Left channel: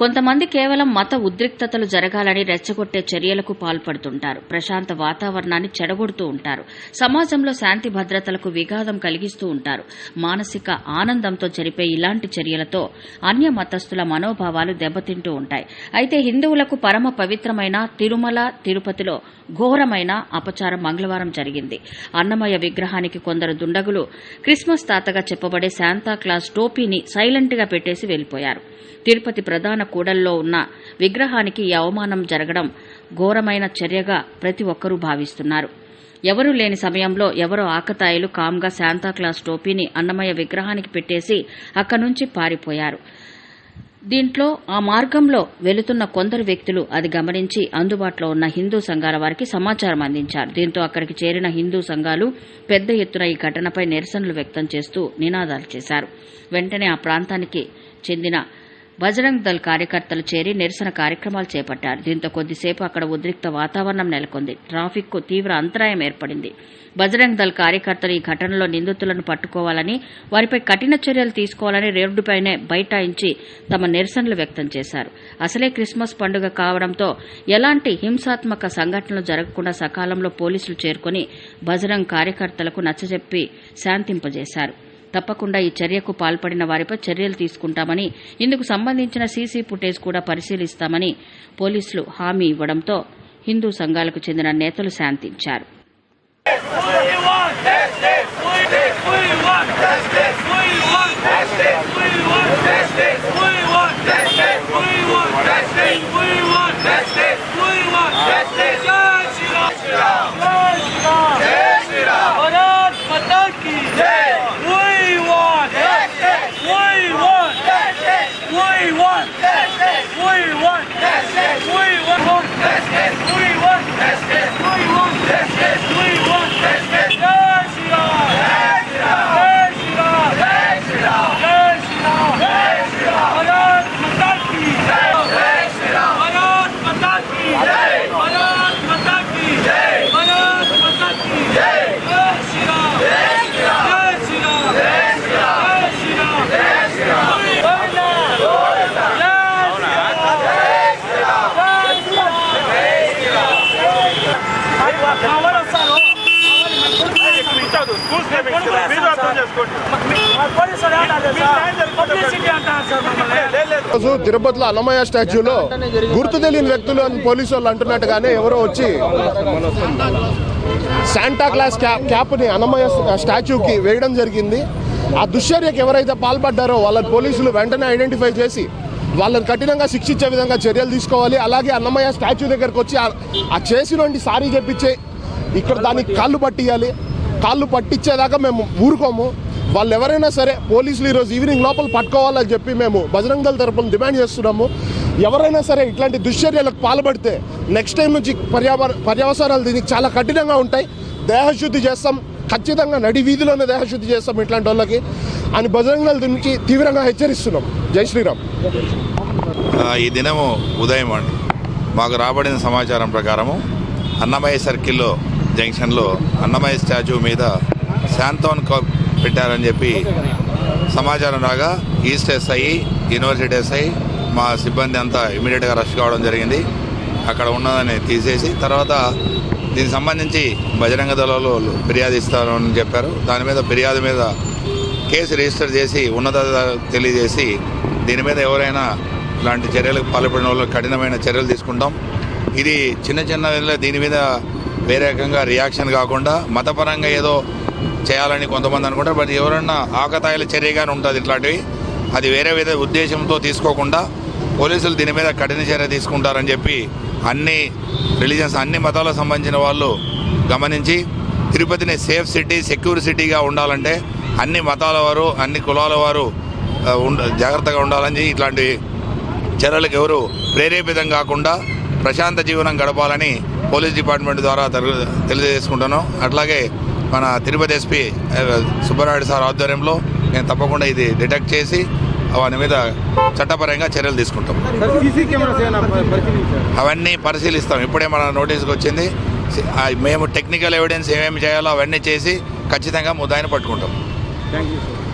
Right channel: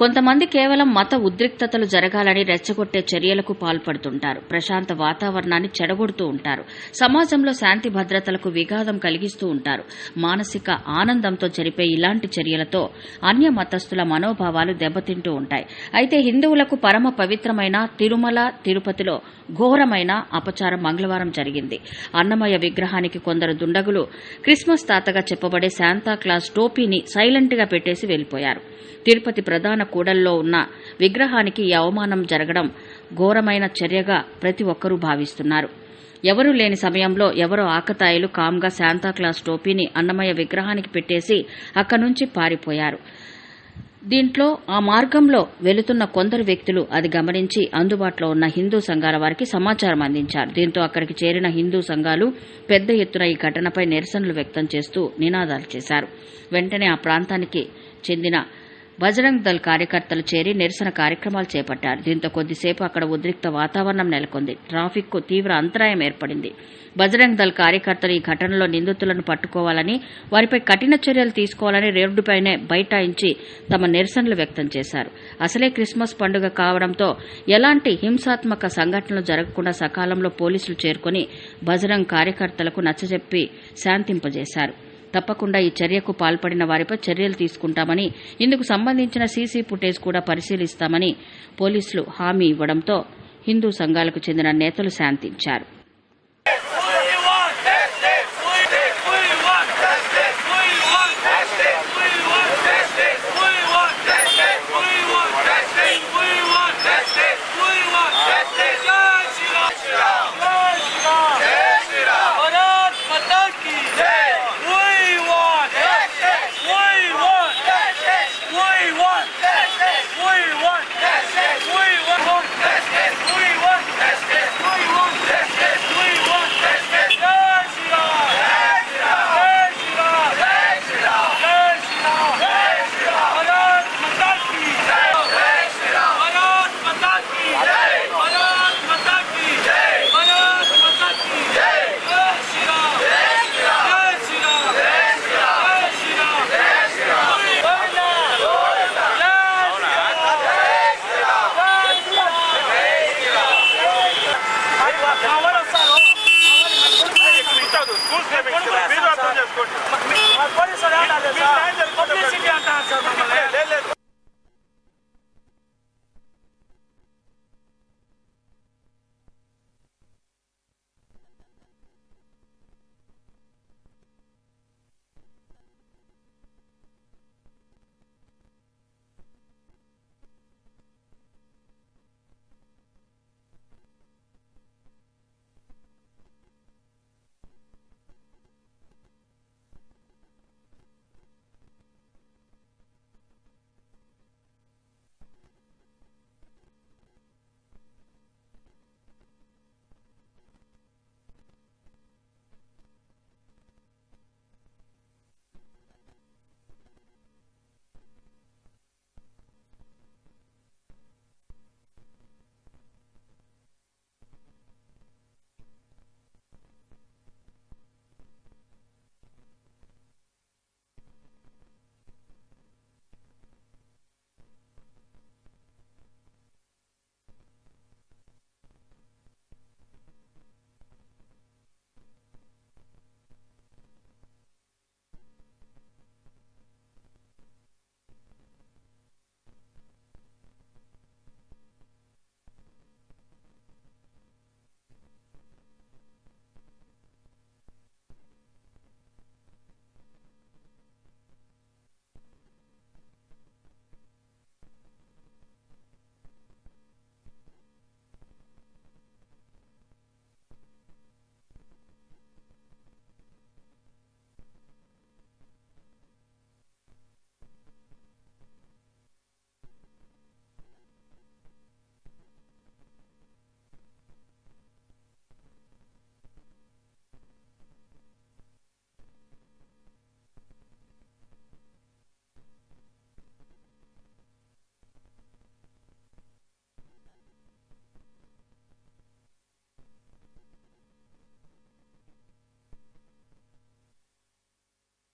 కొంతమంది కేవలం మత ఉద్రిక్తతలు జరగాలని రెచ్చగొట్టే చర్యలకు పాల్పడుతుంటారు. ప్రశాంత వాతావరణాన్ని చెడగొడుతూ ఉంటారు. సమాజంలో శాంతి భద్రతలకు విఘాతం కలిగిస్తూ ఉంటారు. మానసిక ఆనందంతో జరిపే ఇలాంటి చర్యలతో అన్య మతస్థుల మనోభావాలు దెబ్బతింటూ ఉంటాయి. అయితే హిందువులకు పరమ పవిత్రమైన తిరుమల తిరుపతిలో ఘోరమైన అపచారం మంగళవారం జరిగింది. అన్నమయ్య విగ్రహానికి కొందరు దుండగులు క్రిస్మస్ తాతగా చెప్పబడే శాంతాక్లాస్ టోపీని సైలెంట్గా పెట్టేసి వెళ్ళిపోయారు తిరుపతి ప్రధాన కూడల్లో ఉన్న విగ్రహానికి ఈ అవమానం జరగడం ఘోరమైన చర్యగా ప్రతి ఒక్కరూ భావిస్తున్నారు. ఎవరూ లేని సమయంలో ఎవరో ఆకతాయిలు కామ్గా శాంతాక్లాస్ టోపీని అన్నమయ్య విగ్రహానికి పెట్టేసి అక్కడి నుంచి పారిపోయారు. దీంట్లో ఆ మార్గంలో వెళుతున్న కొందరు వ్యక్తులు అది గమనించి అందుబాటులో ఉన్న హిందూ సంఘాల వారికి సమాచారం అందించారు. దీంతో అక్కడికి చేరిన హిందూ సంఘాలు పెద్ద ఎత్తున ఈ ఘటనపై నిరసనలు వ్యక్తం చేస్తూ నినాదాలు చేశారు. వెంటనే ఆ ప్రాంతానికి చెందిన బజరంగ్ దళ్ కార్యకర్తలు చేరి నిరసన కార్యక్రమాలు చేపట్టారు. దీంతో కొద్దిసేపు అక్కడ ఉద్రిక్త వాతావరణం నెలకొంది. ట్రాఫిక్కు తీవ్ర అంతరాయం ఏర్పడింది. బజరంగ్ దళ్ కార్యకర్తలు ఈ ఘటనలో నిందితులను పట్టుకోవాలని వారిపై కఠిన చర్యలు తీసుకోవాలని రోడ్డుపైనే బైఠాయించి తమ నిరసనలు వ్యక్తం చేశారు. అసలే క్రిస్మస్ పండుగ కావడంతో ఎలాంటి హింసాత్మక సంఘటనలు జరగకుండా సకాలంలో పోలీసులు చేరుకుని బజరంగ్ కార్యకర్తలకు నచ్చజెప్పి శాంతింపజేశారు. తప్పకుండా ఈ చర్యకు పాల్పడిన వారిపై చర్యలు తీసుకుంటామని ఇందుకు సంబంధించిన సీసీ ఫుటేజ్ కూడా పరిశీలిస్తామని పోలీసులు హామీ ఇవ్వడంతో హిందూ సంఘాలకు చెందిన నేతలు శాంతించారు We want justice. We want justice. We want justice. We want justice. Testemunho రోజు తిరుపతిలో అన్నమయ్య స్టాచ్యూలో గుర్తు తెలియని వ్యక్తులు అని పోలీసు వాళ్ళు అంటున్నట్టుగానే ఎవరో వచ్చి శాంటా క్లాస్ క్యాప్ క్యాప్ని అన్నమయ్య స్టాచ్యూకి వేయడం జరిగింది. ఆ దుశ్చర్యకు ఎవరైతే పాల్పడ్డారో వాళ్ళని పోలీసులు వెంటనే ఐడెంటిఫై చేసి వాళ్ళని కఠినంగా శిక్షించే విధంగా చర్యలు తీసుకోవాలి. అలాగే అన్నమయ్య స్టాచ్యూ దగ్గరకు వచ్చి ఆ- ఆ చేసినటువంటి సారీ చెప్పించే ఇక్కడ దానికి కాళ్ళు పట్టియాలి. కాళ్ళు పట్టించేదాకా మేము ఊరుకోము. వాళ్ళు ఎవరైనా సరే పోలీసులు ఈరోజు ఈవినింగ్ లోపల పట్టుకోవాలని చెప్పి మేము బజరంగ దళ తరపున డిమాండ్ చేస్తున్నాము. ఎవరైనా సరే ఇట్లాంటి దుశ్చర్యలకు పాల్పడితే నెక్స్ట్ టైం నుంచి పర్యావరణ పర్యావసరాలు దీనికి చాలా కఠినంగా ఉంటాయి. దేహశుద్ధి చేస్తాం. ఖచ్చితంగా నడి వీధిలోనే దేహశుద్ధి చేస్తాం ఇట్లాంటి వాళ్ళకి. అని బజరంగ దళ నుంచి తీవ్రంగా హెచ్చరిస్తున్నాం. జై శ్రీరామ్. ఈ దినము ఉదయం అండి. మాకు రాబడిన సమాచారం ప్రకారము అన్నమయ్య సర్కిల్లో జంక్షన్లో అన్నమయ్య స్టాచ్యూ మీద శాంతోన్ కప్ పెట్టారని చెప్పి సమాచారం రాగా ఈస్ట్ ఎస్ఐ యూనివర్సిటీ ఎస్ఐ మా సిబ్బంది అంతా ఇమీడియట్గా రష్ కావడం జరిగింది. అక్కడ ఉన్నదని తీసేసి తర్వాత దీనికి సంబంధించి బజరంగ దళాలు ఫిర్యాదు ఇస్తారని చెప్పారు. దాని మీద ఫిర్యాదు మీద కేసు రిజిస్టర్ చేసి ఉన్నత తెలియజేసి దీని మీద ఎవరైనా ఇలాంటి చర్యలకు పాల్పడిన వాళ్ళు కఠినమైన చర్యలు తీసుకుంటాం. ఇది చిన్న చిన్న దీని మీద వేరే రకంగా రియాక్షన్ కాకుండా మతపరంగా ఏదో చేయాలని కొంతమంది అనుకుంటారు బట్ ఎవరన్నా ఆకతాయిల చర్యగానే ఉంటుంది ఇట్లాంటివి. అది వేరే వేరే ఉద్దేశంతో తీసుకోకుండా పోలీసులు దీని మీద కఠిన చర్య తీసుకుంటారని చెప్పి అన్ని రిలీజన్స్ అన్ని మతాలకు సంబంధించిన వాళ్ళు గమనించి తిరుపతిని సేఫ్ సిటీ సెక్యూర్ సిటీగా ఉండాలంటే అన్ని మతాల వారు అన్ని కులాల వారు జాగ్రత్తగా ఉండాలని ఇట్లాంటి చర్యలకు ఎవరు ప్రేరేపితం కాకుండా ప్రశాంత జీవనం గడపాలని పోలీస్ డిపార్ట్మెంట్ ద్వారా తెలు- తెలియజేసుకుంటాను అట్లాగే మన తిరుపతి ఎస్పీ సుబ్బరాయుడు సార్ ఆధ్వర్యంలో నేను తప్పకుండా ఇది డిటెక్ట్ చేసి వాని మీద చట్టపరంగా చర్యలు తీసుకుంటాం. అవన్నీ పరిశీలిస్తాం. ఇప్పుడే మన నోటీస్కి వచ్చింది. మేము టెక్నికల్ ఎవిడెన్స్ ఏమేమి చేయాలో అవన్నీ చేసి ఖచ్చితంగా ముద్దాయిని పట్టుకుంటాం. Thank you sir